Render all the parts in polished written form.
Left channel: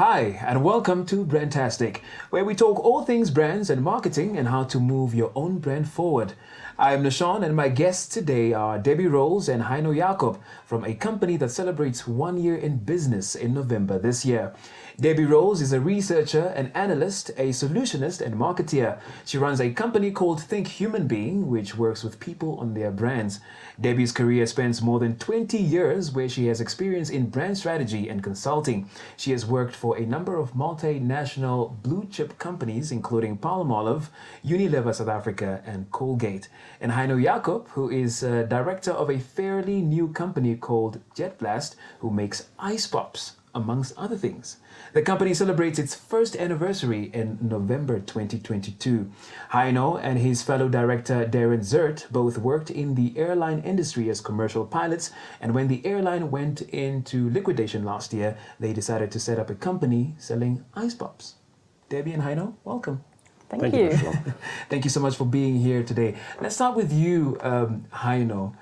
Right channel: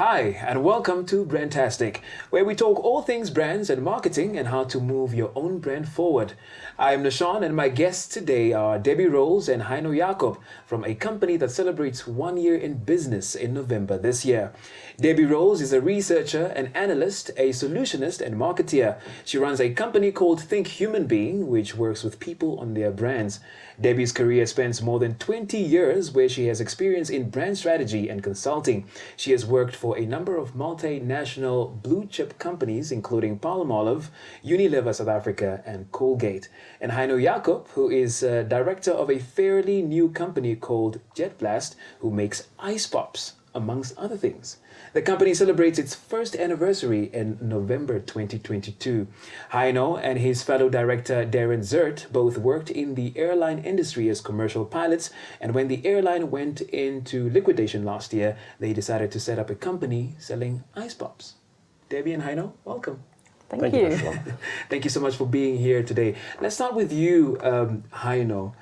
Hi, and welcome to Tastic, where we talk all things brands and marketing and how to move your own brand forward. I'm Nashawn, and my guests today are Debbie Rowls and Heino Jakob from a company that celebrates 1 year in business in November this year. Debbie Rowls is a researcher, an analyst, a solutionist, and marketeer. She runs a company called Think Human Being, which works with people on their brands. Debbie's career spans more than 20 years, where she has experience in brand strategy and consulting. She has worked for a number of multinational blue-chip companies, including Palmolive, Unilever South Africa, and Colgate. And Heino Jakob, who is director of a fairly new company called JetBlast, who makes ice pops, amongst other things. The company celebrates its first anniversary in November 2022. Heino and his fellow director Deryn Zerht both worked in the airline industry as commercial pilots, and when the airline went into liquidation last year, they decided to set up a company selling ice pops. Debbie and Heino, welcome. Thank you, Nashawn. Thank you so much for being here today. Let's start with you, Heino,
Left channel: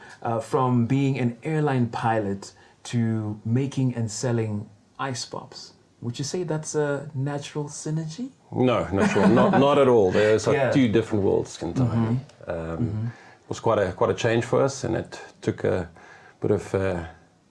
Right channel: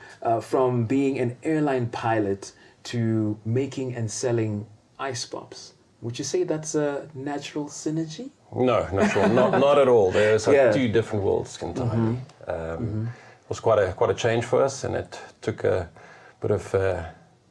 from being an airline pilot to making and selling ice pops. Would you say that's a natural synergy? No, not sure. Not at all. There's two different worlds entirely. It was quite a change for us, and it took a bit of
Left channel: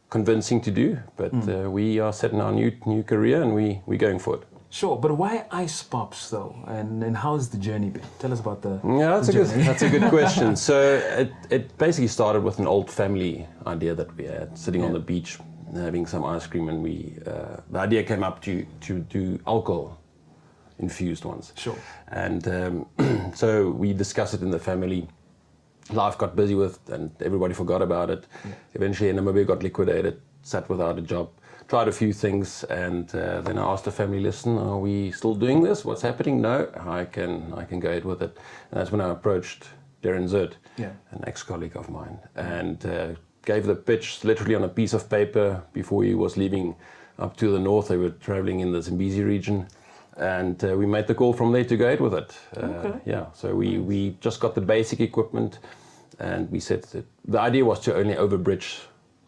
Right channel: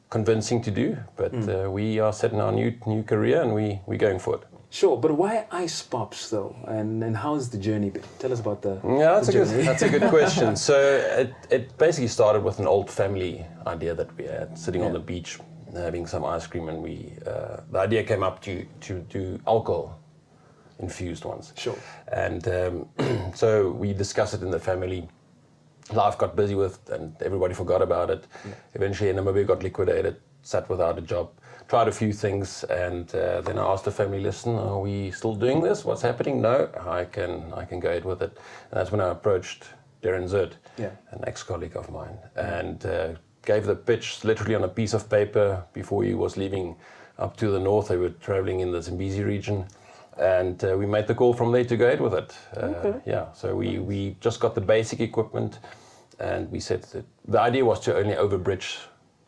convincing to do. But we are set in our new career, and we're going for it. Sure, but why ice pops though? And how's the journey been? Tell us about the that's a good question. So it basically started with an old family idea that we had, sitting on the beach, having some ice cream, and the idea came up to do alcohol infused ones. Sure. And so we discussed it in the family. Life got busy and everybody forgot about it. Eventually Namibia got liquidated, sat without a job, tried a few things, and then I asked the family, listen, are we still doing this? What's happening? No, I can go ahead with it. And that's when I approached Deryn Zerht, an ex-colleague of mine, and gave the pitch literally on a piece of paper before he was leaving up to the north. They were traveling in the Zambezi region, and we made the call from there to go ahead with it. So we just got the basic equipment, and we said that the idea was to only overbridge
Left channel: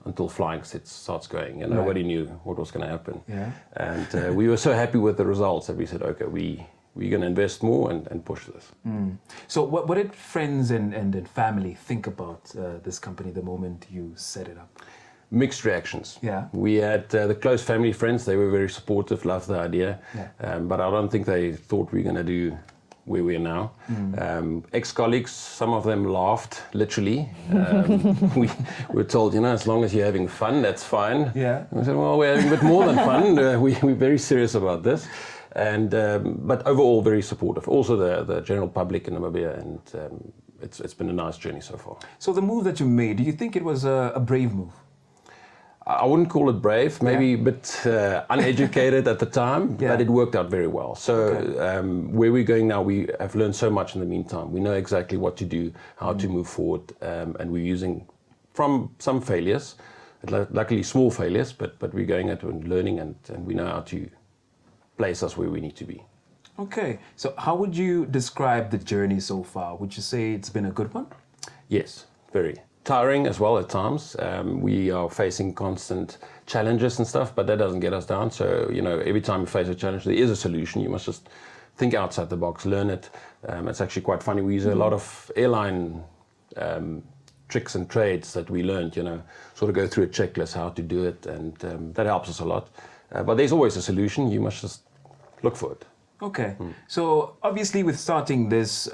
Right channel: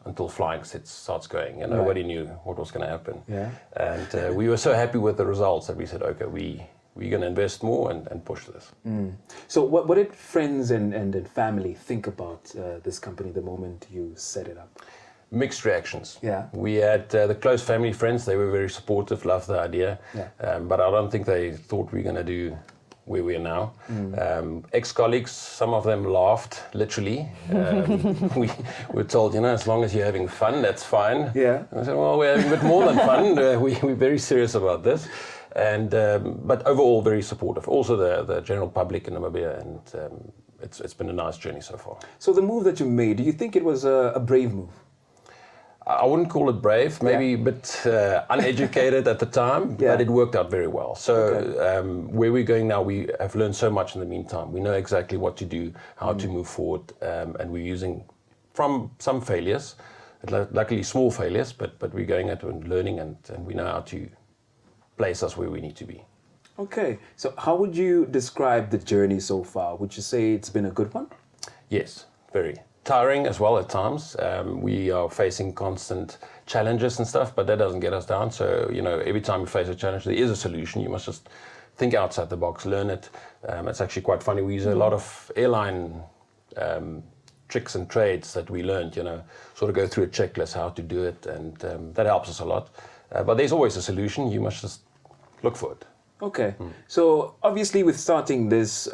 until flying starts going, and nobody knew what was going to happen. And we were so happy with the results that we said, okay, we're going to invest more and push this. So what did friends and family think about this company the moment you set it up? Mixed reactions. Yeah. We had the close family friends. They were very supportive, loved the idea. But I don't think they thought we were going to do where we are now. Ex-colleagues, some of them laughed, literally. We were told, as long as you're having fun, that's fine. Yeah. And I said, well, we're having a bit more than fun. We're very serious about this. And but overall very supportive. Also the general public in Namibia, and it's been a nice journey so far. So the move that you made, do you think it was a brave move? I wouldn't call it brave, maybe a bit uneducated at the time, but it worked out very well. So where we're going now, we have learned so much in the meantime. We know exactly what to do, how to move forward, and we're using from some failures, luckily small failures, but we're going at it and learning, and we know how to place us where we need to be. Okay, so how would you describe the journey so far? Would you say it's been a good one? Yes, very. Tiring as well at times. We are facing constant challenges and stuff, but that doesn't get us down. So, every time you face a challenge, there is a solution. You must just think outside the box, learn it. It's actually quite funny. We use a lot of airline tricks and trades that we learned, sort of go through a checklist, how to do it, and that helps us a lot. But there's always a solution. You must just look for it. Okay. So obviously with starting this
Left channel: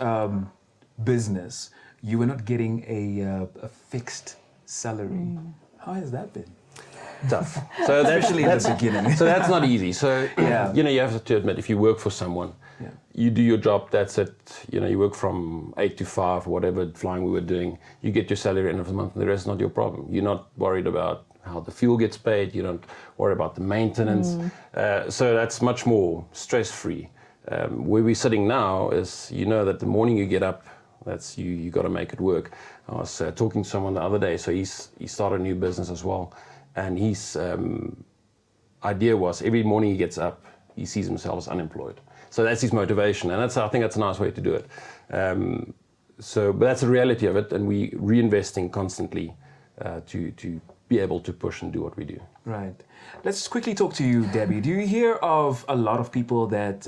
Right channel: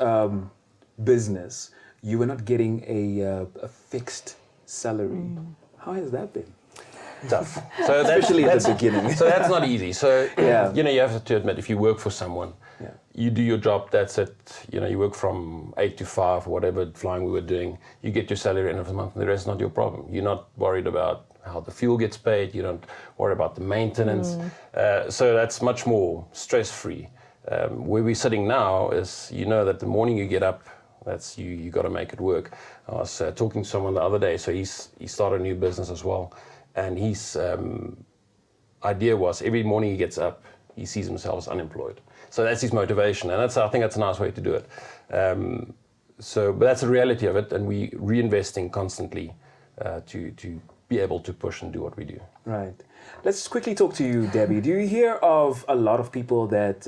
business, you were not getting a fixed salary. How has that been? Tough. So especially at the beginning. So that's not easy. So you have to admit, if you work for someone, you do your job, that's it. You work from 8 to 5, whatever flying we were doing. You get your salary at the end of the month, and the rest is not your problem. You're not worried about how the fuel gets paid. You don't worry about the maintenance. So that's much more stress-free. Where we're sitting now is, that the morning you get up, that's you got to make it work. I was talking to someone the other day, so he started a new business as well, and his idea was every morning he gets up, he sees himself as unemployed. So that's his motivation, and I think that's a nice way to do it. But that's the reality of it, and we're reinvesting constantly to be able to push and do what we do. Right. Let's quickly talk to you, Debbie. Do you hear of a lot of people that,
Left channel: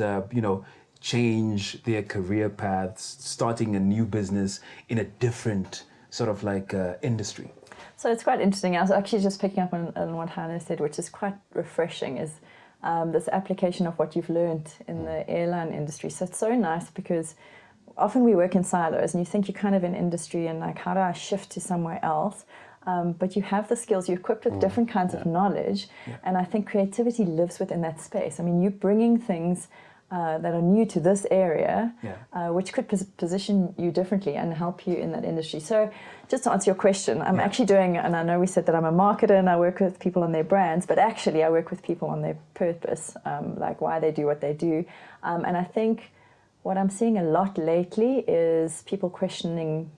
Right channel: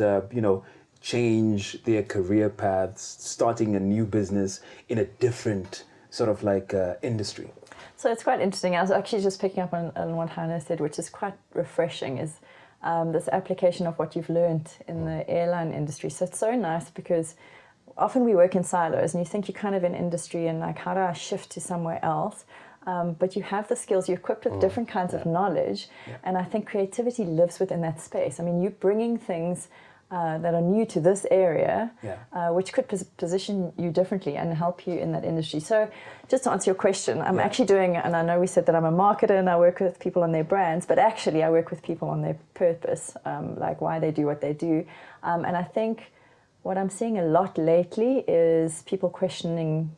change their career paths, starting a new business in a different sort of like industry? So it's quite interesting. I was actually just picking up on what Heino said, which is quite refreshing, is this application of what you've learned in the airline industry. So it's so nice because often we work in silos and you think you're kind of in industry and like, how do I shift to somewhere else? But you have the skills, you're equipped with different kinds of knowledge, and I think creativity lives within that space. I mean, you're bringing things that are new to this area, which could position you differently and help you in that industry. So just to answer your question, I'm actually doing, and I know we said that I'm a marketer and I work with people on their brands, but actually I work with people on their purpose, like why they do what they do. And I think what I'm seeing a lot lately is people questioning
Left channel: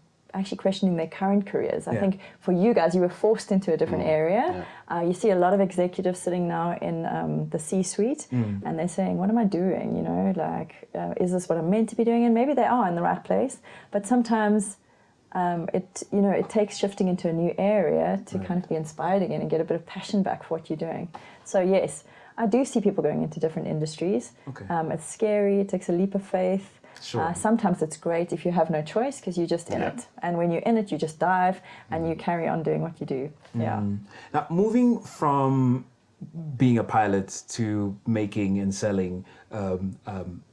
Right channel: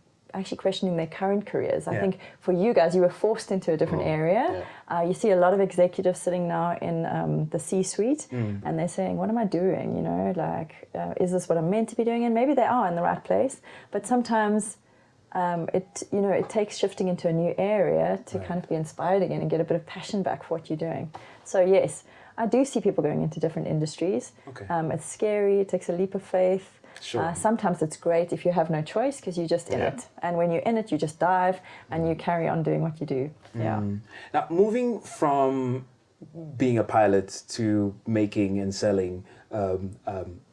their current careers. I think for you guys, you were forced into a different area. You see a lot of executives sitting now in the C-suite, and they're saying, what am I doing? You know, like, is this what I'm meant to be doing? And maybe they are in the right place, but sometimes it takes shifting into a new area to kind of be inspired again and get a bit of passion back for what you're doing. So yes, I do see people going into different industries. It's scary, it takes a leap of faith. Sure. Sometimes it's great if you have no choice because you just in it. And when you're in it, you just dive and you carry on doing what you do. Now, moving from being a pilot to making and selling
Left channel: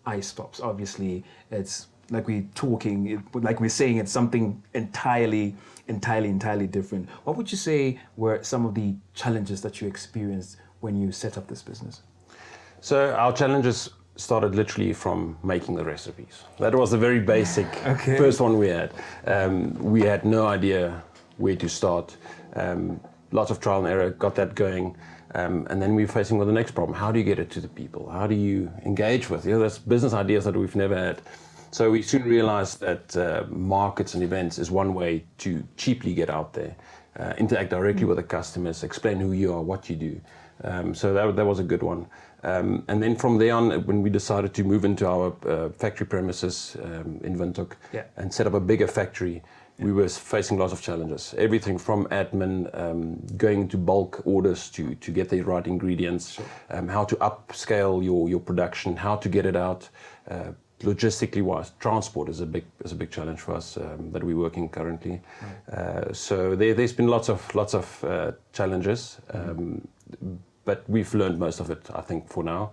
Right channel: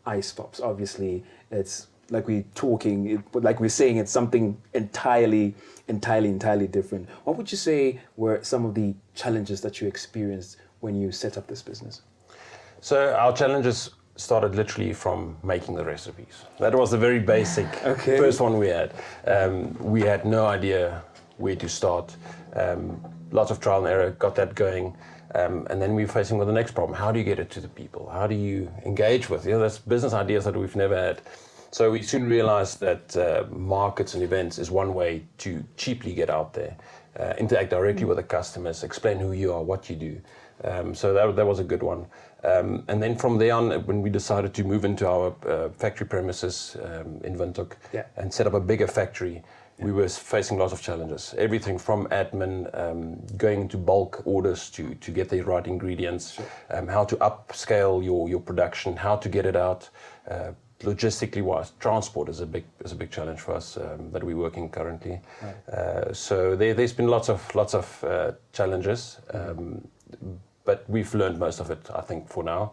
ice pops, obviously it's like we're saying it's something entirely different. What would you say were some of the challenges that you experienced when you set up this business? So our challenges started literally from making the recipes. That was the very basic first one we had. We had no idea where to start. Lots of trial and error, got that going. And then we were facing with the next problem. How do you get it to the people? How do you engage with? There's business ideas that we've never had. So we soon realized that markets and events is one way to cheaply get out there, interact directly with the customers, explain who you are, what you do. So that was a good one. And then from there on, when we decided to move into our factory premises in Windhoek and set up a bigger factory, we were facing lots of challenges. Everything from admin, going into bulk orders to get the right ingredients, how to upscale your production, how to get it out. Logistically wise, transport is a big challenge for us that we're working currently. So there's been lots of challenges. But we've learned most of it, I think, for now.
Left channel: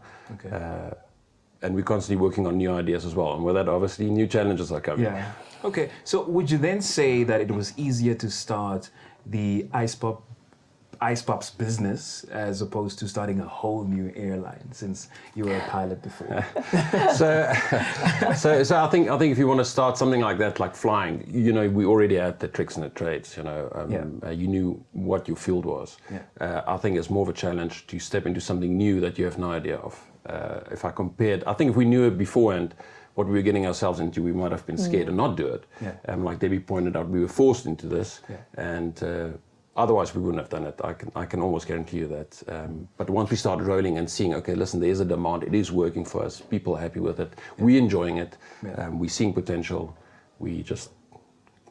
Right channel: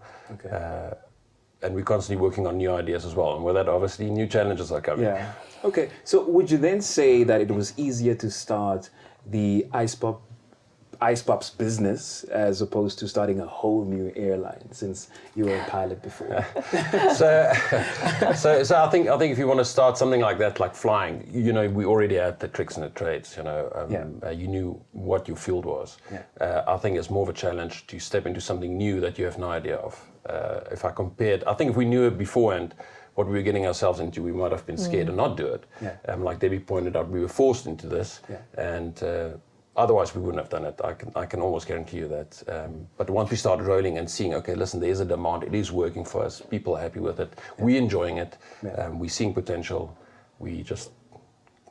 And we're constantly working on new ideas as well. And with that, obviously, new challenges are coming. Okay. So would you then say that it was easier to start the Ice Pops business as opposed to starting a whole new airline, since you were a pilot before? So I think if you want to start something like that, like flying, we already had the tricks and the trades. You knew what your field was. I think it's more of a challenge to step into something new that you have no idea of. If I compared, I think if we knew it beforehand, what we were getting ourselves into, we might have been scared and not do it. Like Debbie pointed out, we were forced into this, and otherwise we wouldn't have done it. I can almost guarantee you that. But once we started rolling and seeing, okay, listen, there's a demand, it is working for us, people are happy with it, we're enjoying it, we're seeing potential, we just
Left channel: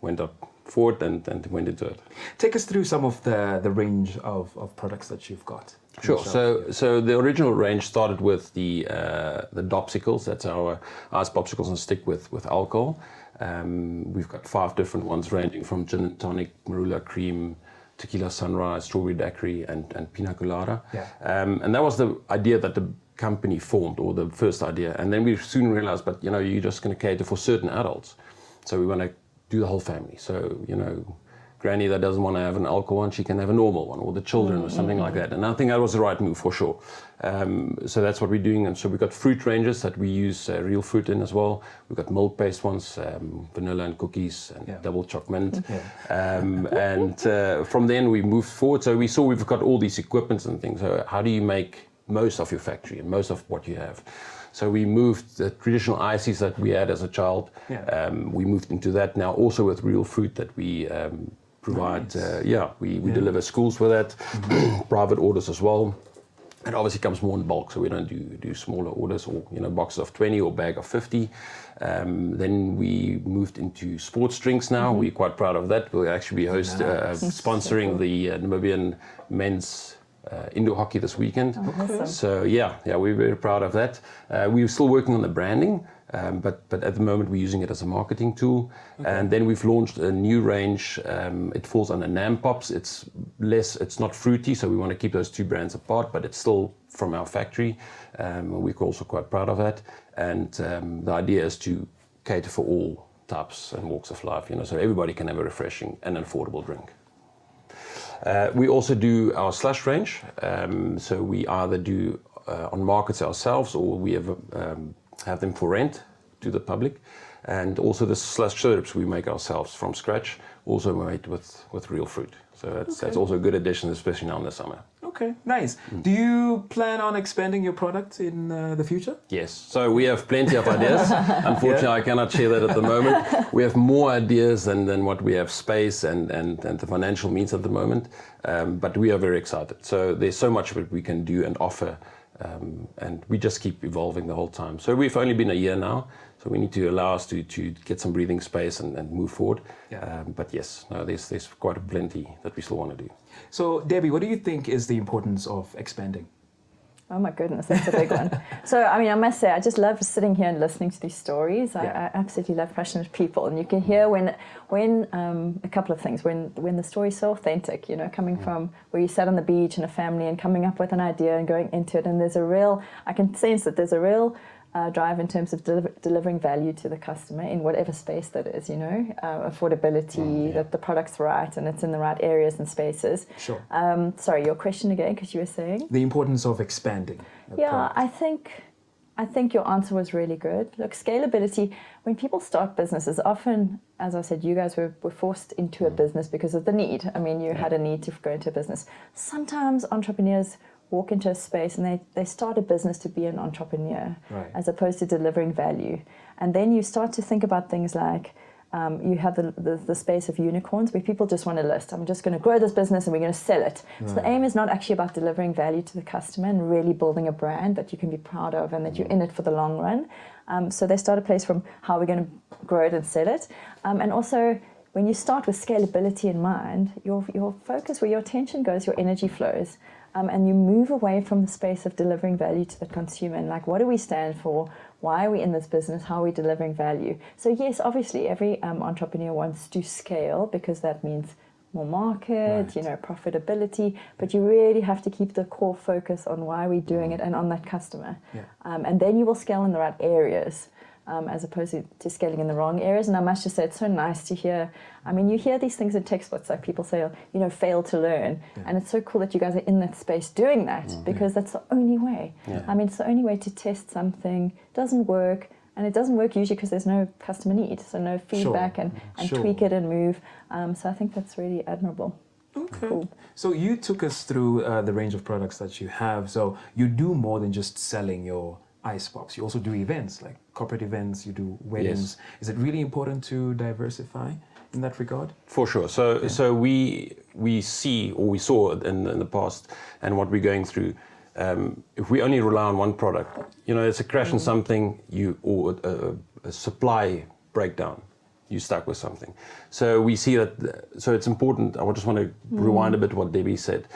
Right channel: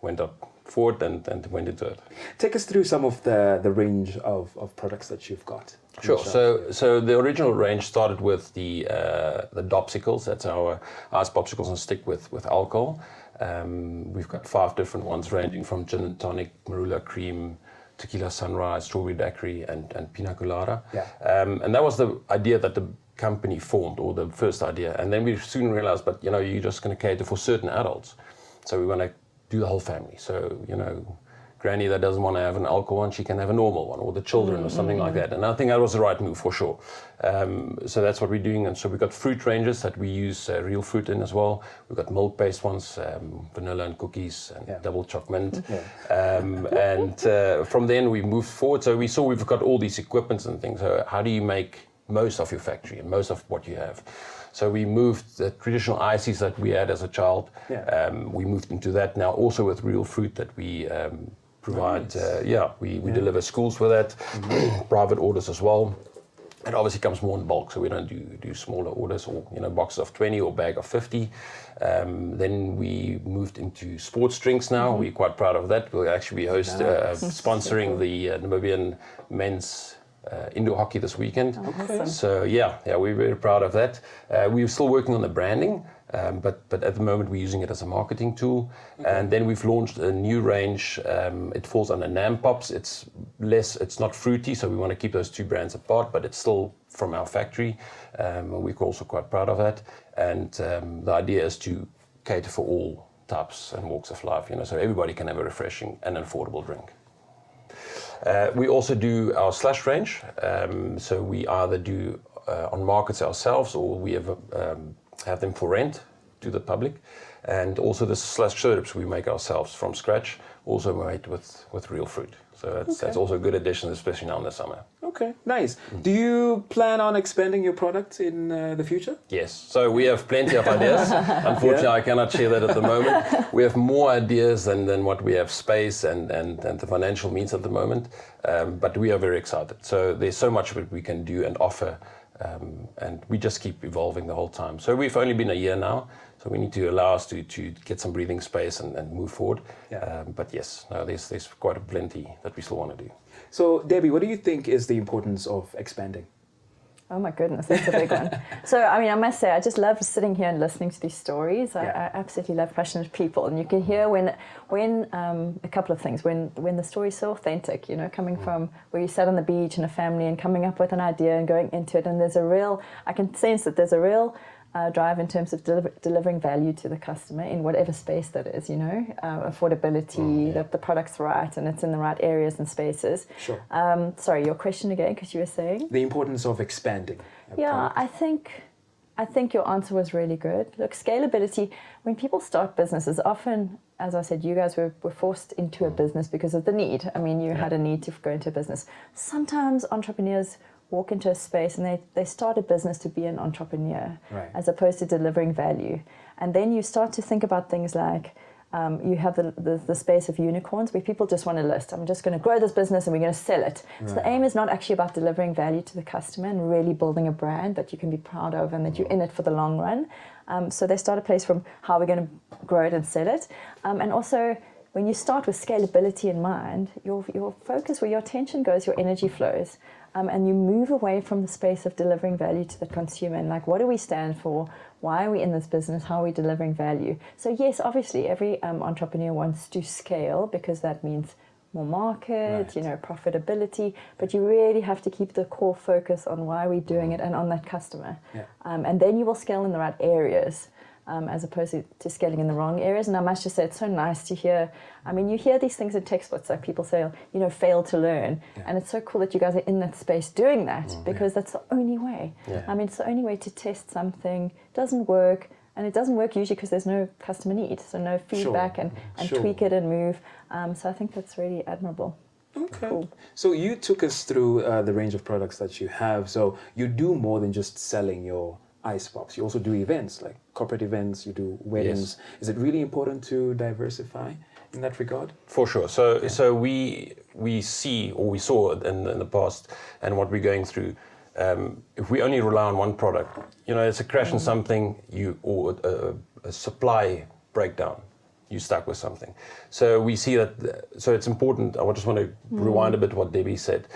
went up forward and went into it. Take us through some of the range of products that you've got. Sure. So the original range started with the dopsicles. That's our ice popsicles on stick with alcohol. We've got 5 different ones ranging from gin and tonic, marula cream, tequila sunrise, strawberry daiquiri, and pina colada. And that was the idea that the company formed, or the first idea. And then we soon realized, but you're just going to cater for certain adults. So we want to do the whole family. So, granny that doesn't want to have an alcohol one, she can have a normal one, or the children, or something like that. And I think that was the right move for sure. So that's what we're doing. And so we've got fruit ranges that we use real fruit in as well. We've got milk-based ones, vanilla and cookies, and double choc mint. And from then we moved forward. So we saw we've got all these equipments and things. So how do you make most of your factory and most of what you have? So we moved the traditional ices that we had as a child. We moved into that now, also with real fruit that we provide. We deliver schools with that, private orders as well. It obviously comes more in bulk, so we don't do smaller orders or boxes of 20 or bag of 50. Then we moved into sports drinks now. We're quite proud of that. We'll actually be sponsoring the Namibian men's indoor hockey this weekend. Okay. So yeah, we're very proud of that. We're still working on the branding, but at the moment we're using it as a marketing tool. Okay. And then we've launched a new range. It falls under Nam Pops. It's not fruity, so we want to keep those two brands apart, but it's still from our factory. We're also quite proud of that. And the idea is to cater for all types and walks of life, so everybody can have a refreshing and affordable drink. We also do our slush range, so we either do on markets ourselves, or we have them for rent to the public. And also the slush syrups we make ourselves from scratch, also made with real fruit. So that's also a good addition, especially now in the summer. Okay, nice. Do you plan on expanding your product in the future? Yes, so we have plenty of ideas. Unfortunately, I cannot share that at the moment. We have more ideas than what we have space and the financial means at the moment, but we are very excited. So there's so much that we can do and offer, and we just keep evolving the whole time. So we've only been a year now, so we need to allow us to get some breathing space and move forward. Yeah. But yes, no, there's quite a plenty that we still want to do. So Debbie, what do you think is the importance of expanding? Oh my goodness, that's a big one. So, I must say, I just love sitting here and listening to these stories. I absolutely love passionate people, and you can hear when a couple of things, when the story's so authentic, coming from where you sat on the beach in a family and coming up with an idea and going into it, and I can sense that there's a real drive in terms of delivering value to the customer in whatever space that is, affordability, that the product's right and it's in the right areas and spaces. Sure. Sorry, your question again, because you were saying? The importance of expanding a product. I think your answer was really good. Look, scalability, when people start businesses, often, as I said, you guys were forced into a business because of the need. You had a need to go into a business. Sometimes entrepreneurs walk into a space and they start a business to be an entrepreneur, right, as opposed to delivering value. And then you start to think about things like you have the space of unicorns where people just want to list. I'm just going to grow this business and we're going to sell it. Right. So the aim is not actually about delivering value to the customer and really building a brand that you can be proud of and that you're in it for the long run. So they start a place from how we're going to grow it and sell it. And also, when you start with scalability in mind, your focus, where your attention goes, your energy flows. And you move away from the space of delivering value to the consumer and what do we stand for? Why are we in this business? How are we delivering value? So yes, obviously every entrepreneur wants to scale because that means more market, right, profitability, but you really have to keep the core focus on why are we doing it and on that customer. Yeah. And then you will scale in the right areas. As opposed to scaling in the wrong areas. And I must just say, it's so nice to hear. You hear these things in textbooks, like people say, fail to learn. Yeah. And it's so cool that you guys are in that space doing that, because that's the only way. Yeah. It's the only way to test something. Doesn't work, and it doesn't work usually because there's no customer need, so no feedback and tweak it and move. So I think that's really admirable. Okay. Cool. So you took us through the range of products that you have. So you do more than just selling your ice pops. You also do events, like corporate events, you do weddings. Yes. Is it really important to diversify in that regard? For sure. So we see, or we saw in the past, and what we're going through, if we only rely on one product, it's a crash in something, or a supply breakdown, you're stuck with something. So we see that, so it's important. I just want to rewind a bit what Debbie said.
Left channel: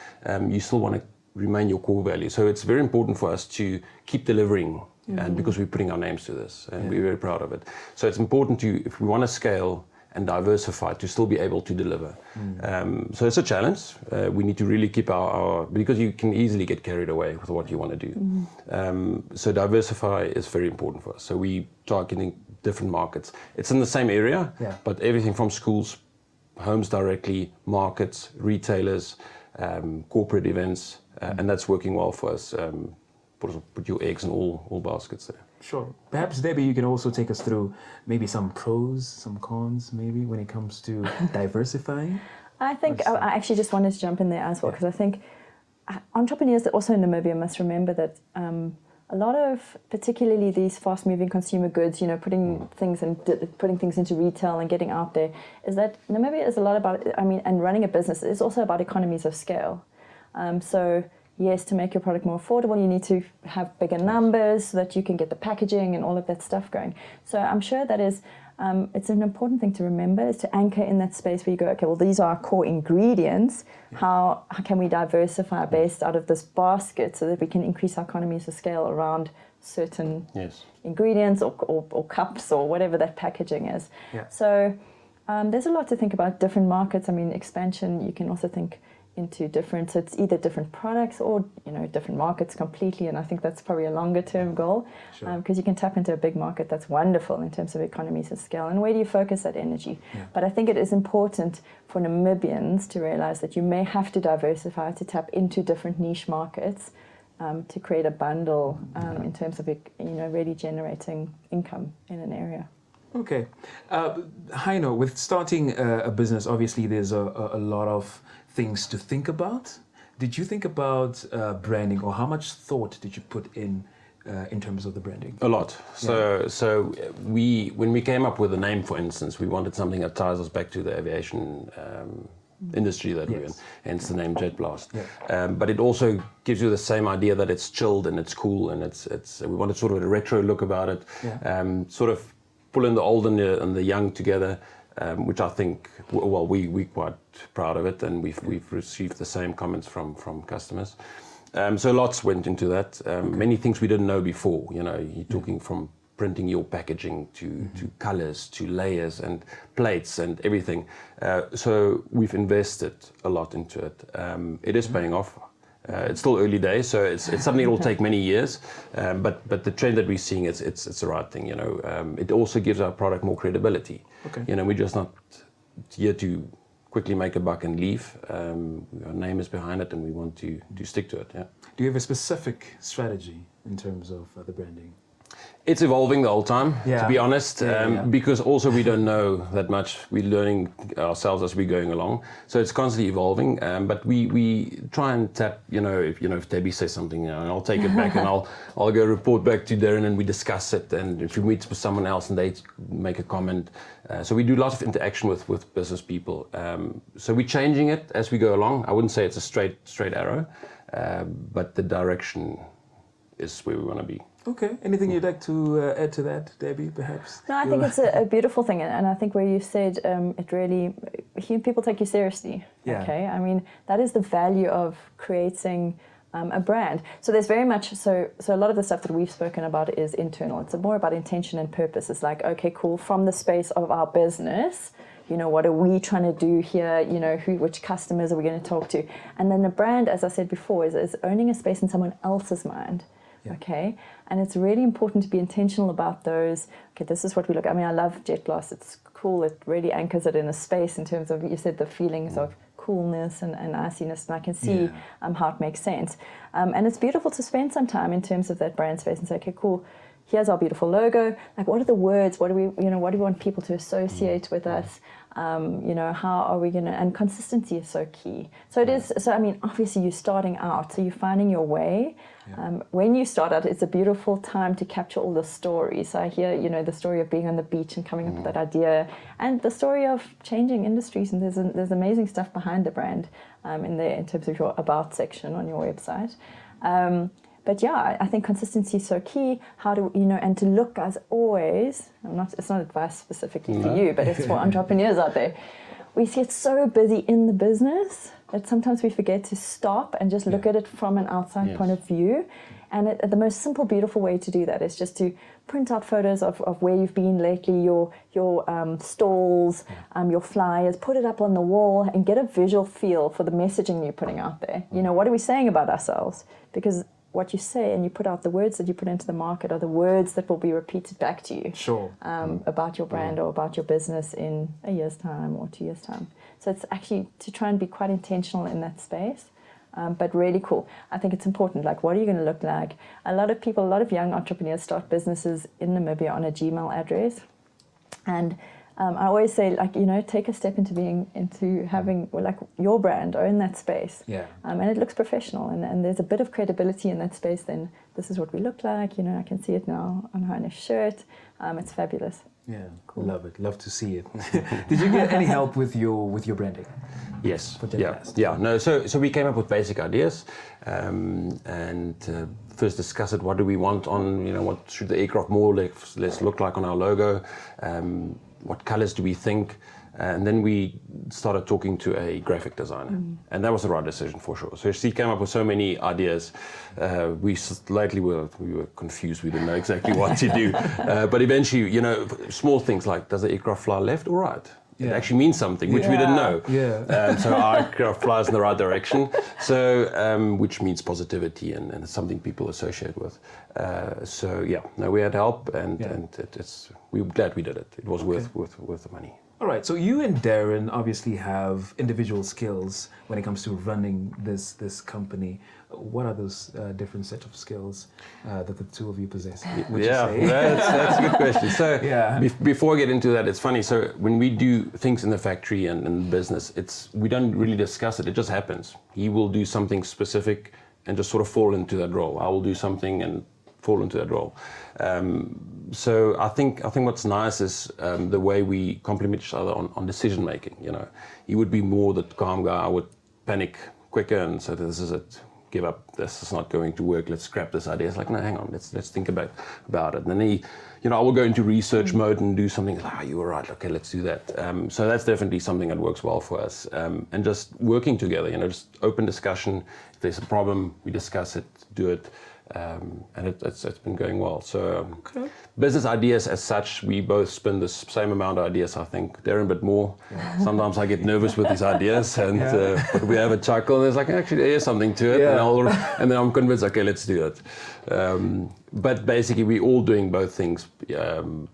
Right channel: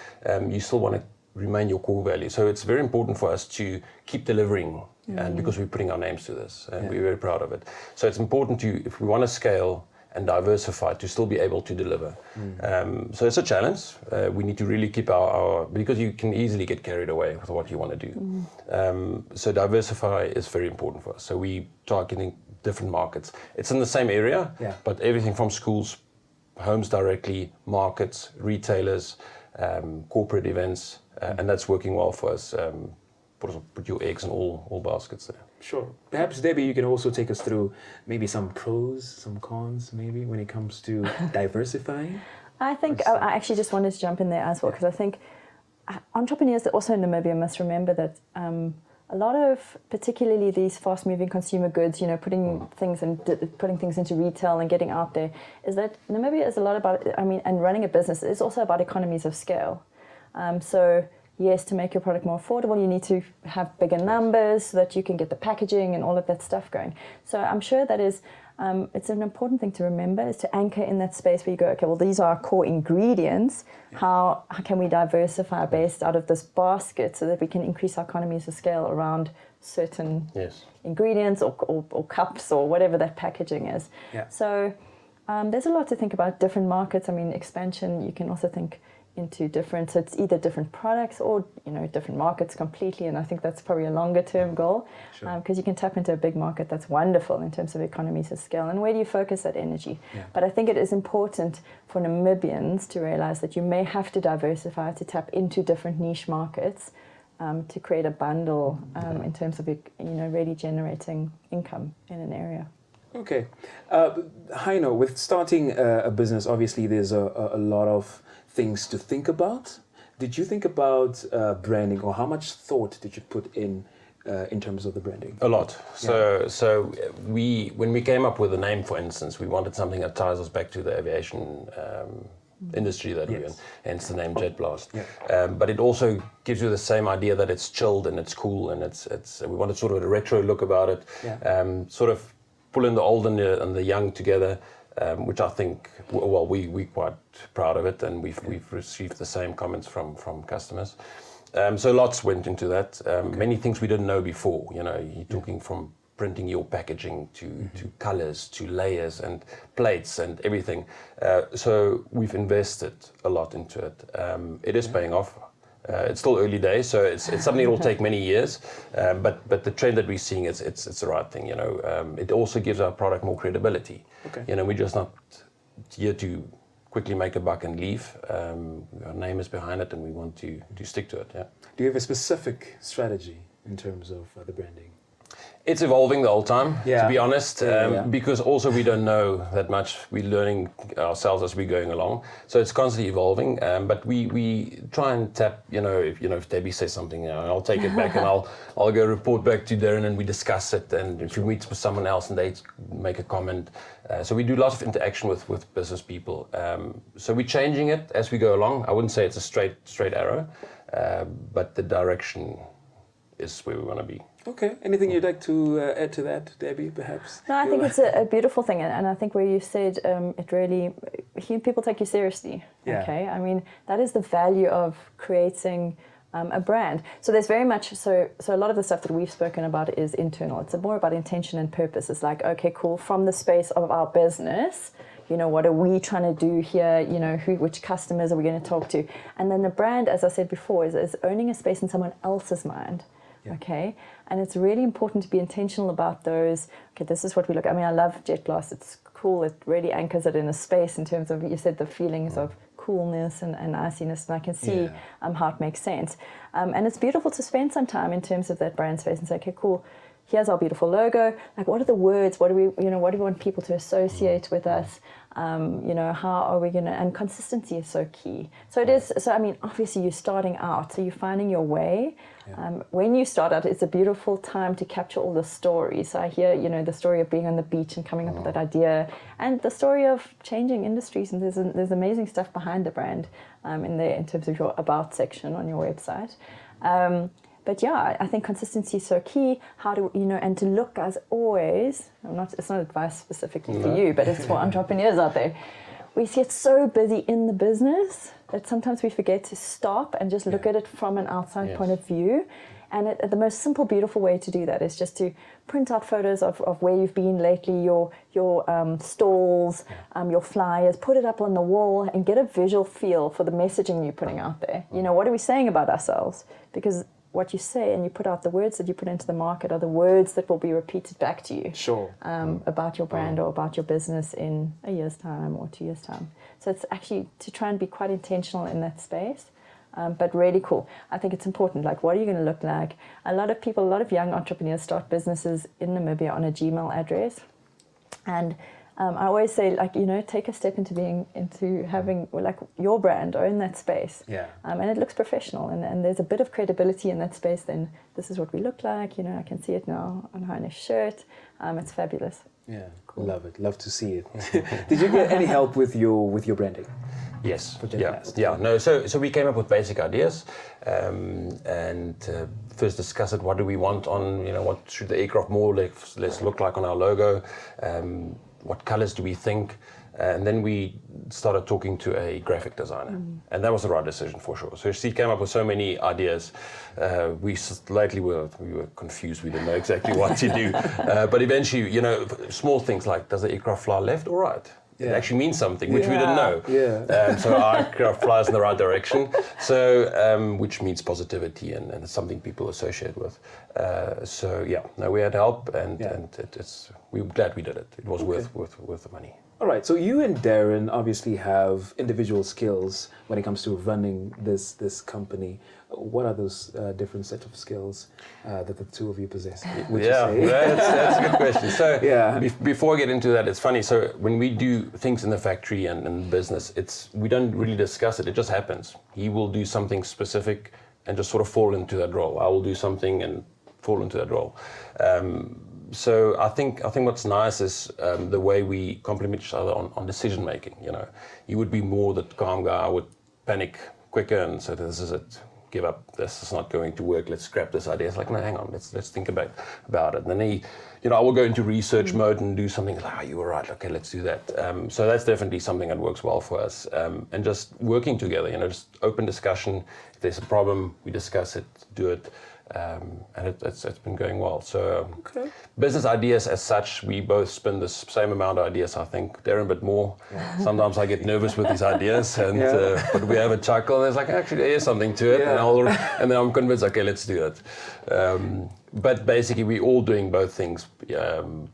You still want to remain your core value. So it's very important for us to keep delivering, and because we're putting our names to this, and we're very proud of it. So it's important if we want to scale and diversify, to still be able to deliver. So it's a challenge. We need to really keep because you can easily get carried away with what you want to do. So diversify is very important for us. So we targeting different markets. It's in the same area, but everything from schools, homes directly, markets, retailers, corporate events, and that's working well for us. Put your eggs in all baskets there. Sure. Perhaps, Debbie, you can also take us through maybe some pros, some cons, maybe, when it comes to diversifying. I think I actually just wanted to jump in there as well, because I think entrepreneurs that also in Namibia must remember that a lot of, particularly these fast-moving consumer goods, putting things into retail and getting out there, is that Namibia is a lot about, and running a business is also about economies of scale. So yes, to make your product more affordable, you need to have bigger numbers so that you can get the packaging and all of that stuff going. So I'm sure that is, it's an important thing to remember, is to anchor in that space where you go, okay, well, these are our core ingredients. Yeah. How can we diversify based out of this basket so that we can increase our economies of scale around certain ingredients or cups or whatever that packaging is. Yeah. So there's a lot to think about. Different markets. I mean, expansion, you can also think into different, so it's either different products or, you know, different markets completely, and I think that's probably a longer term goal. Sure. Because you can tap into a big market that's wonderful in terms of economies of scale, and where do you focus that energy? Yeah. But I think it is important for Namibians to realize that you may have to diversify to tap into different niche markets to create a bundle in terms of, you know, really generating income in an area. Okay. Heino, with starting a business, obviously there's a lot of things to think about. Did you think about branding, or how much thought did you put in terms of the branding? A lot. So when we came up with the name, for instance, we wanted something that ties us back to the aviation industry that we're in, hence the name Jet Blast. Yeah. But it also gives you the same idea that it's chilled and it's cool, and it's we wanted sort of a retro look about it, sort of pulling the old and the young together, which I think, well, we're quite proud of it, and we've received the same comments from customers. So lots went into that. Many things we didn't know before. You know, you're talking from printing your packaging to colors, to layers and plates and everything. So we've invested a lot into it. It is paying off. It's still early days, so it's something that will take many years. But the trend that we're seeing, it's the right thing. You know, it also gives our product more credibility. Okay. You know, we're just not here to quickly make a buck and leave. Our name is behind it, and we want to stick to it. Yeah. Do you have a specific strategy in terms of the branding? It's evolving the whole time, to be honest, because also we don't know that much. We're learning ourselves as we're going along, so it's constantly evolving. But we try and tap, if Debbie says something, I'll take it back and I'll go report back to Deryn, and we discuss it. And if we meet with someone else and they make a comment, so we do lots of interaction with business people. So we're changing it as we go along. I wouldn't say it's a straight arrow, but the direction is where we want to be. Okay. Anything you'd like to add to that, Debbie, perhaps? No, I think it's a beautiful thing, and I think where you said it really, people take you seriously. Yeah. Okay. I mean, that is the value of creating a brand. So there's very much, so a lot of the stuff that we've spoken about is internal. It's more about intention and purpose. It's like, okay, cool, from the space of our business, what are we trying to do here? Which customers are we going to talk to? And then the brand, as I said before, is owning a space in someone else's mind. Yeah. Okay. And it's really important to be intentional about those. Okay, this is what we look. I mean, I love Jet Blast. It's cool. It really anchors it in a space in terms of, you said, the feelings of coolness and iciness, and I can see how it makes sense. And it's beautiful to spend some time in terms of that brand space and say, okay, cool. Here's our beautiful logo. Like, what are the words? What do we want people to associate with us? How are we going to? And consistency is so key. So it is. So I mean, obviously, you're starting out, so you're finding your way. Yeah. When you start out, it's a beautiful time to capture all the stories. So I hear, the story of being on the beach and coming up with that idea, and the story of changing industries. And there's amazing stuff behind the brand in terms of your about section on your website. But yeah, I think consistency is so key. How do and to look, as always. It's not advice specifically to you, but it's for entrepreneurs out there. We get so busy in the business that sometimes we forget to stop and just look at it from an outside point of view. And the most simple, beautiful way to do that is just to print out photos of where you've been lately, your stalls, your flyers, put it up on the wall and get a visual feel for the messaging you're putting out there. What are we saying about ourselves? Because what you say and you put out, the words that you put into the market are the words that will be repeated back to you. Sure. About your brand or about your business in a year's time or 2 years' time. So it's actually to try and be quite intentional in that space, but really cool. I think it's important. Like, what are you going to look like? A lot of young entrepreneurs start businesses in Namibia on a Gmail address, and I always say, take a step into having like your brand, own that space. Yeah. And it looks professional, and there's a bit of credibility in that space. Then this is what we look like. I can see it now on Heino's shirt. It's fabulous. Yeah, love it. Love to see it. Did you get any help with your branding? Yes. For Jet Yeah. Blast? Yeah. No. So we came up with basic ideas, and first discuss it. What do we want on? What should the aircraft more or less look like on our logo? What colors do we think? And then we started talking to a graphic designer, and that was the right decision for sure. So she came up with so many ideas. Lately we were confused. We didn't know exactly what to do, but eventually, small things like, does the aircraft fly left or right? It actually means something, which we didn't know. Yeah. So our aircraft flies in the right direction, which means positivity, and it's something people associate with. We had help, and we were glad we did it. It was worth the money. All right, so you and Deryn obviously have individual skills when it comes to running this company. What are those different set of skills that the two of you possess? Would you say? That's a good question. So before I get into that, it's funny. So when we do things in the factory and in business, we don't really discuss it. It just happens. He will do something specific and just sort of fall into that role. I will do something and fall into that role. So I think what's nice is the way we complement each other on decision making. He would be more the calm guy. I would panic quicker and say, this is it. Give up. This is not going to work. Let's scrap this idea. It's like, no, hang on. Let's think about it. And then I will go into research mode and do something. Like, you were right. Okay, let's do that. So that's definitely something that works well for us. And just working together. Just open discussion. If there's a problem, we discuss it, do it. And it's been going well. So business ideas as such, we both spin the same amount of ideas, I think. Deryn a bit more. Yeah. Sometimes I get nervous with these ideas, and but we have a chuckle. And it's like, actually, there is something to it, and then I'm convinced. Okay, let's do it. But basically, we're all doing both things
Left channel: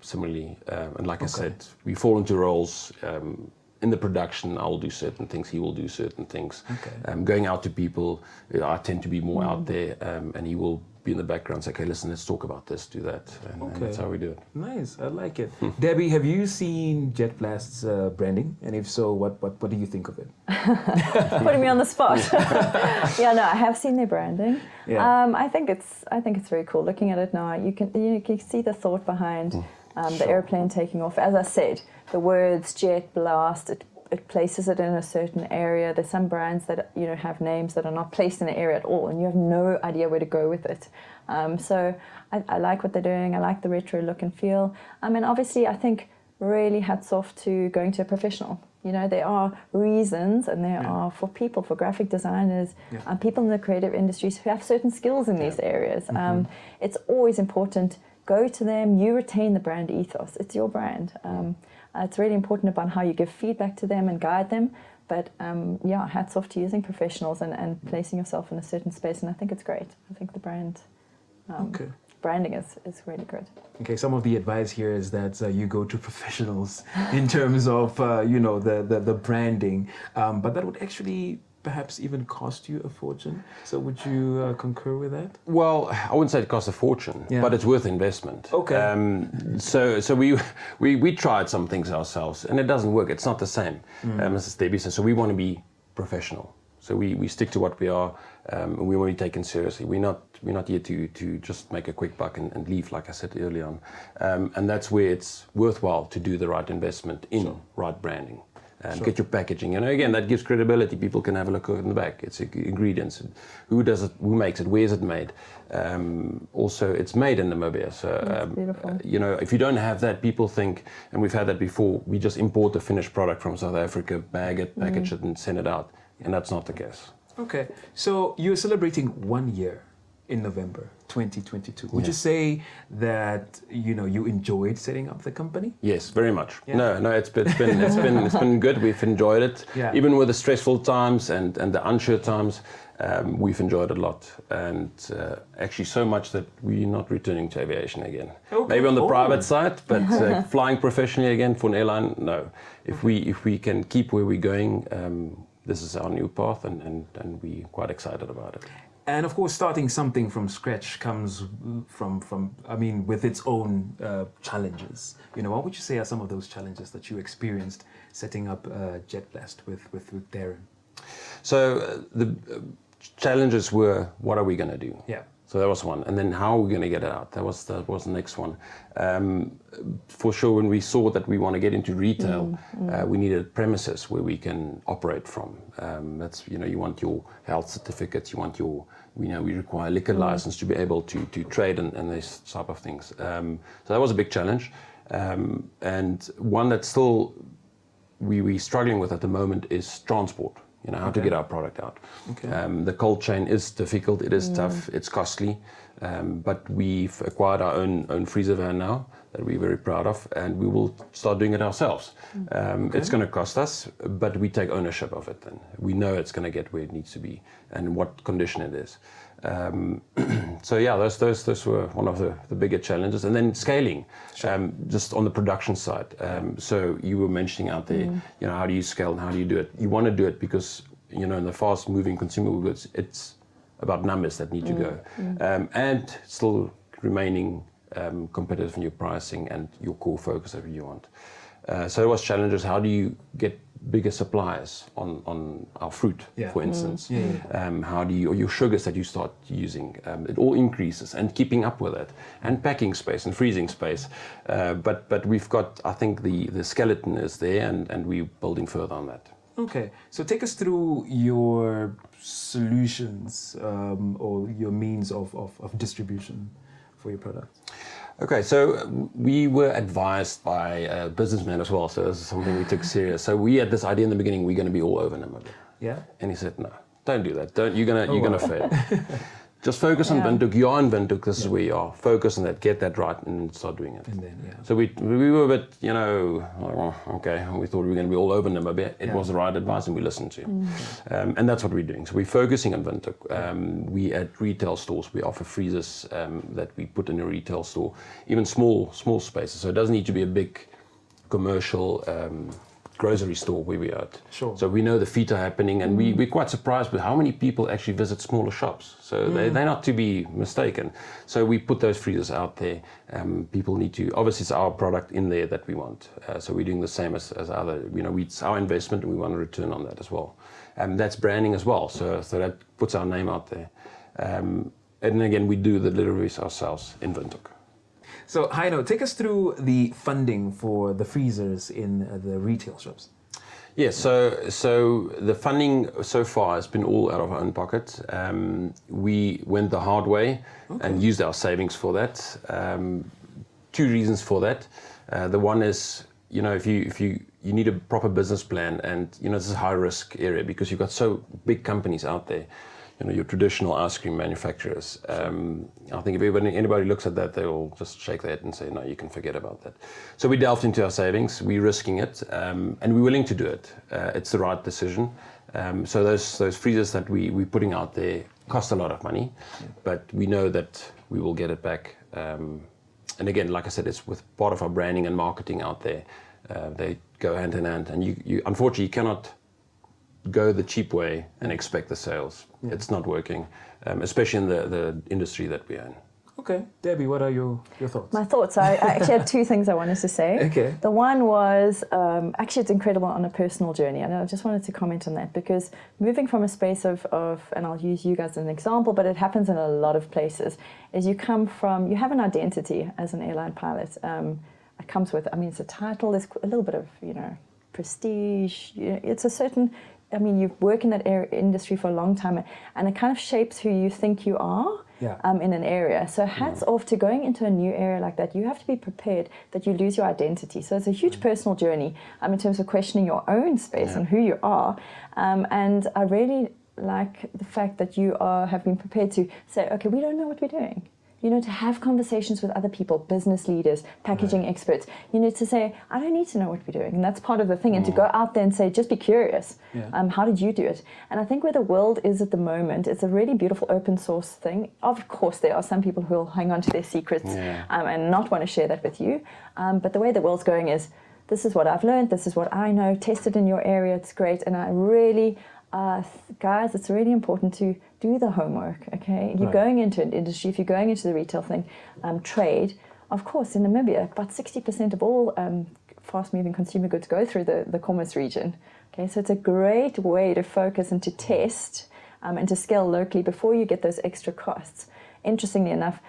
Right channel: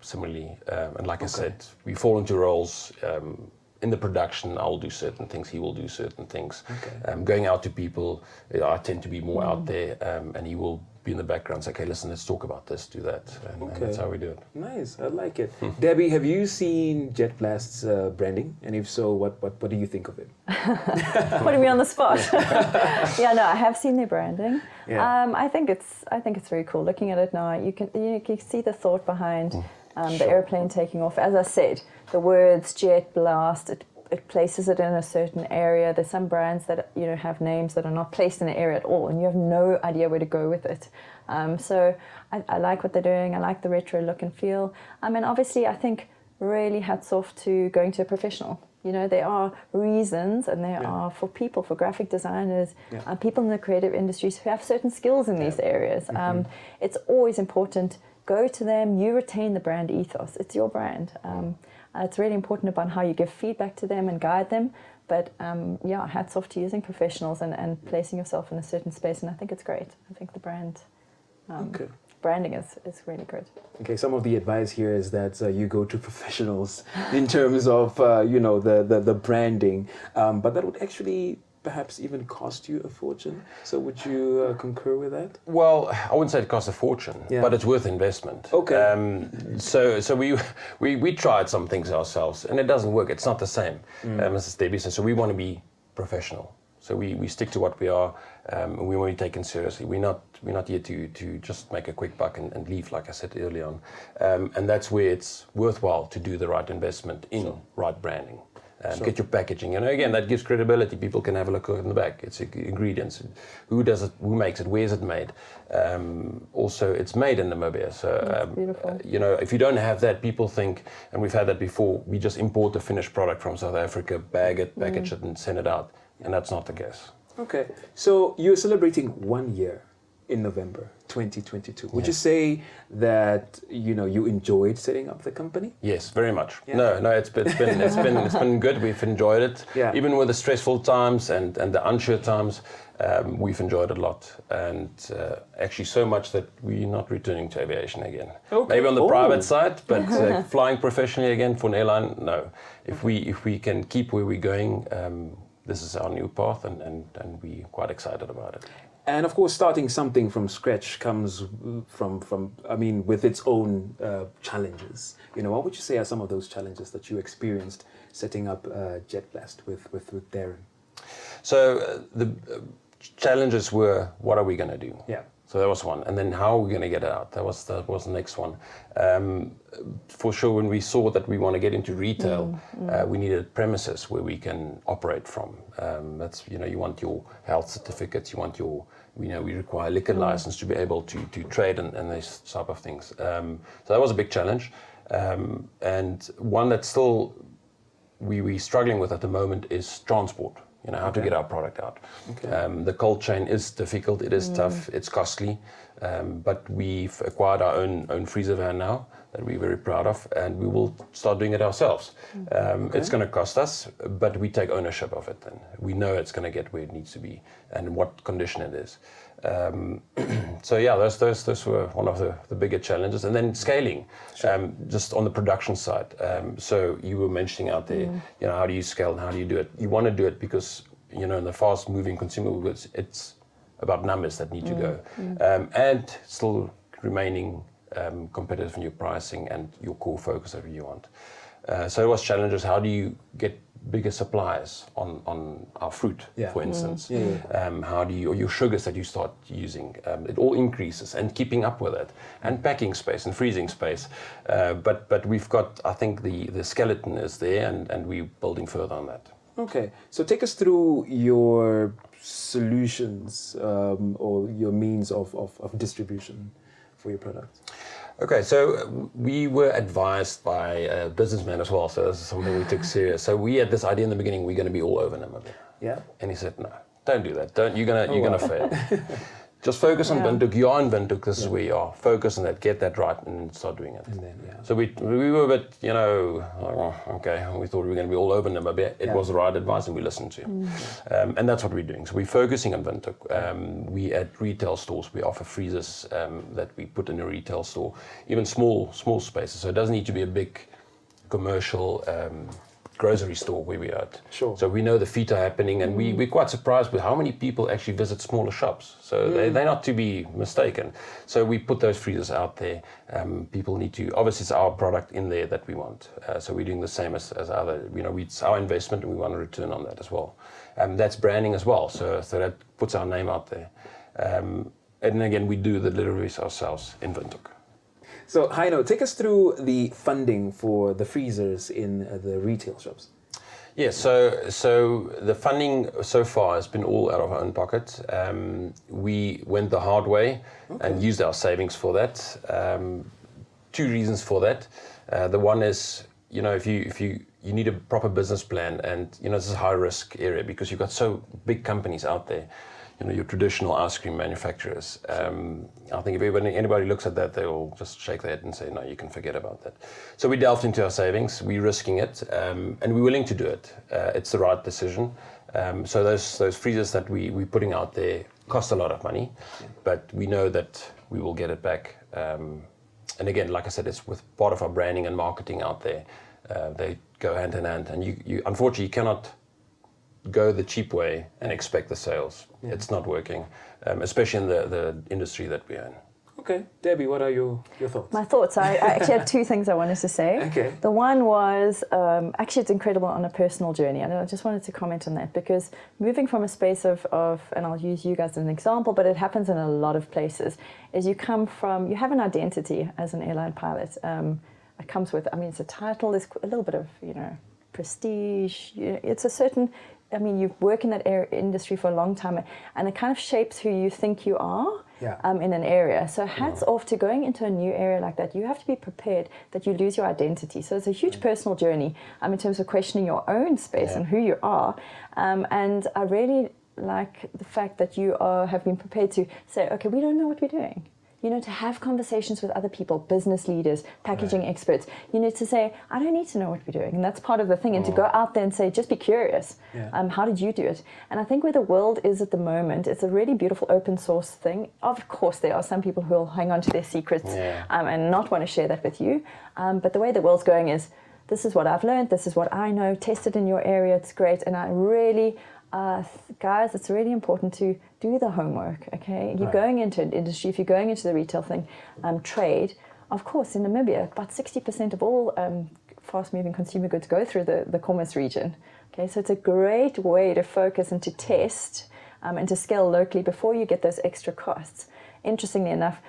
similarly. And like I said, we fall into roles. In the production, I will do certain things, he will do certain things. Going out to people, I tend to be more out there, and he will be in the background, say, okay, listen, let's talk about this, do that. And that's how we do it. Nice, I like it. Debbie, have you seen Jet Blast's branding? And if so, what do you think of it? Putting me on the spot. I have seen their branding. I think it's very cool. Looking at it now, you can see the thought behind the airplane taking off. As I said, the words Jet Blast, it places it in a certain area. There's some brands that have names that are not placed in an area at all, and you have no idea where to go with it. So I like what they're doing. I like the retro look and feel. And obviously, I think really hats off to going to a professional. There are reasons, and there are for people, for graphic designers, people in the creative industries who have certain skills in these areas. It's always important. Go to them. You retain the brand ethos. It's your brand. It's really important about how you give feedback to them and guide them. But hats off to using professionals and placing yourself in a certain space. And I think it's great. I think the brand branding is really good. Okay, some of the advice here is that you go to professionals in terms of the branding, but that would actually perhaps even cost you a fortune. So would you concur with that? Well, I wouldn't say it costs a fortune, but it's worth investment. Okay. So we tried some things ourselves, and it doesn't work. It's not the same, as Debbie said. So we want to be professional. So we stick to what we are, and we want to be taken seriously. We're not here to just make a quick buck and leave, like I said early on. And that's where it's worthwhile to do the right investment in right branding. Get your packaging. Again, that gives credibility. People can have a look in the back. It's ingredients. Who does it? Who makes it? Where is it made? Also, it's made in Namibia. So, if you don't have that, people think, and we've had that before, we just import the finished product from South Africa, bag it, package it, and send it out. And that's not the case. Okay. So you're celebrating 1 year in November 2022. Would you say that you enjoyed setting up the company? Yes, very much. Yeah. No, it's been good. We've enjoyed it. Yeah. Even with the stressful times and the unsure times, we've enjoyed it a lot. And actually so much that we're not returning to aviation again. Okay. Maybe on the private side, but flying professionally again for an airline, no. If we can keep where we're going, this is our new path, and we're quite excited about it. And of course, starting something from scratch comes with its own challenges. What would you say are some of those challenges that you experienced setting up Jet Blast with Deryn? So the challenges were, what are we going to do? Yeah. So that was one. And then how are we going to get it out? That was the next one. For sure, when we saw that we want to get into retail, we needed premises where we can operate from. That's, you want your health certificates, you want your, we require a liquor license to be able to trade and these type of things. So that was a big challenge. And one that still we're struggling with at the moment is transport. How to get our product out. The cold chain is difficult, it is tough, it's costly, but we've acquired our own freezer van now that we're very proud of, and we will start doing it ourselves. It's going to cost us, but we take ownership of it then. We know it's going to get where it needs to be and what condition it is. So yeah, those were one of the bigger challenges. And then scaling, just on the production side. So you were mentioning out there, how do you scale and how do you do it? You want to do it because, in the fast moving consumer goods, it's about numbers that need to go. And still remaining competitive in your pricing and your core focus that you want. So it was challenges. How do you get bigger supplies on our fruit, for instance? How do you, or your sugars that you start using? It all increases, and keeping up with it, and packing space and freezing space. But we've got, I think the skeleton is there, and we're building further on that. Okay, so take us through your solutions or your means of distribution for your products. Okay, so we were advised by a businessman as well, so this is something we took serious. So we had this idea in the beginning, we're going to be all over Namibia. Yeah. And he said, no, don't do that. You're gonna fail. Just focus on Windhoek. You are in Windhoek, this is where you are. Focus on that, get that right, and start doing it. And then, So we were a bit, okay, we thought we were going to be all over Namibia. It was the right advice, and we listened to him. And that's what we're doing. So we're focusing on Windhoek. We at retail stores, we offer freezers that we put in a retail store, even small spaces. So it doesn't need to be a big commercial grocery store where we are at. Sure. So we know the feet are happening, and we're quite surprised with how many people actually visit smaller shops. So they're not to be mistaken. So we put those freezers out there. People need to, obviously it's our product in there that we want. So we're doing the same as other, it's our investment, and we want a return on that as well. That's branding as well. So that puts our name out there. And again, we do the deliveries ourselves in Windhoek. So, Heino, take us through the funding for the freezers in the retail shops. Yes, so the funding so far has been all out of our own pocket. We went the hard way and used our savings for that. Two reasons for that. The one is, if you need a proper business plan, and this is a high risk area because you've got so big companies out there. Your traditional ice cream manufacturers. I think if anybody looks at that, they will just shake their head and say, no, you can forget about that. So we delved into our savings, we're risking it, and we're willing to do it. It's the right decision. So those freezers that we're putting out there cost a lot of money, but we know that we will get it back. And again, like I said, it's with part of our branding and marketing out there. They go hand in hand, and you unfortunately, you cannot go the cheap way and expect the sales. It's not working, especially in the industry that we're in. Okay, Debbie, what are your thoughts? My thoughts, I actually have two things I wanted to say. Okay. The one was, actually it's incredible on a personal journey, and I just wanted to comment on that, because moving from a space of, and I'll use you guys as an example, but it happens in a lot of places, is you have an identity as an airline pilot. It comes with, it's a title, there's a little bit of, prestige, it's a certain, you work in that industry for a long time, and it kind of shapes who you think you are in an area. So hats off to going into a new area like that. You have to be prepared that you lose your identity. So it's a huge personal journey in terms of questioning your own space and who you are. And I really like the fact that you have been prepared to say, okay, we don't know what we're doing. To have conversations with other people, business leaders, packaging experts. To say, I don't need to know what we're doing. And that's part of the thing. And to go out there and say, just be curious. How did you do it? And I think where the world is at the moment, it's a really beautiful open source thing. Of course, there are some people who will hang on to their secrets and not want to share that with you. But the way the world's going is, this is what I've learned, this is what I know, test it in your area, it's great. And I really, guys, it's really important to do the homework, okay? If you're going into an industry, if you're going into the retail thing, trade, of course, in Namibia, about 60% of all fast-moving consumer goods go through the commerce region. Okay, so it's a great way to focus and to test and to scale locally before you get those extra costs. interestingly enough,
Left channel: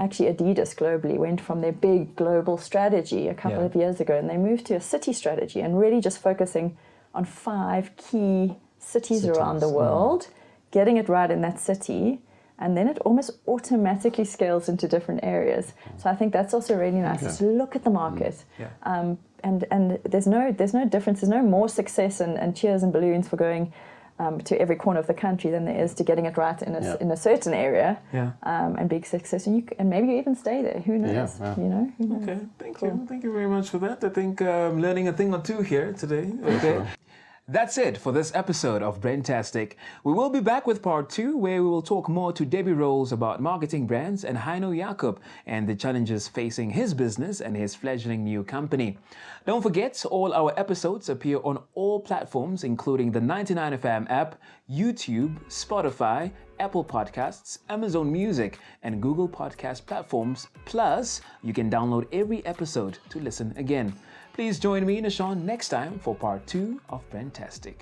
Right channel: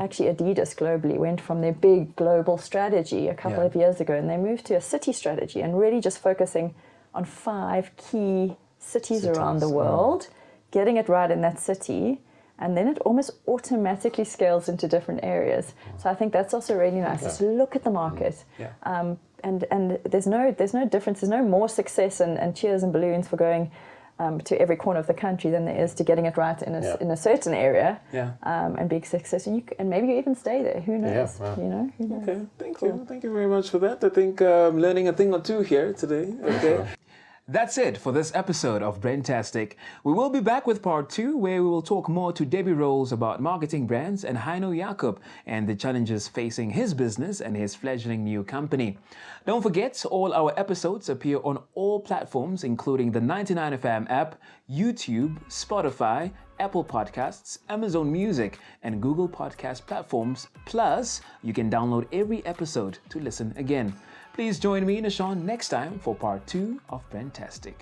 actually Adidas globally went from their big global strategy a couple of years ago, and they moved to a city strategy and really just focusing on 5 key cities around the world, getting it right in that city, and then it almost automatically scales into different areas. So I think that's also really nice to look at the market. And there's no difference, there's no more success and cheers and balloons for going to every corner of the country than there is to getting it right in a certain area and being successful. And maybe you even stay there. Who knows? You know? Okay, thank you. Thank you very much for that. I think I'm learning a thing or two here today. Okay. Sure. That's it for this episode of Brandtastic. We will be back with part 2, where we will talk more to Debbie Rowls about marketing brands and Heino Jakob and the challenges facing his business and his fledgling new company. Don't forget, all our episodes appear on all platforms, including the 99FM app, YouTube, Spotify, Apple Podcasts, Amazon Music, and Google Podcast platforms. Plus, you can download every episode to listen again. Please join me, Nashawn, next time for part 2 of Brandtastic.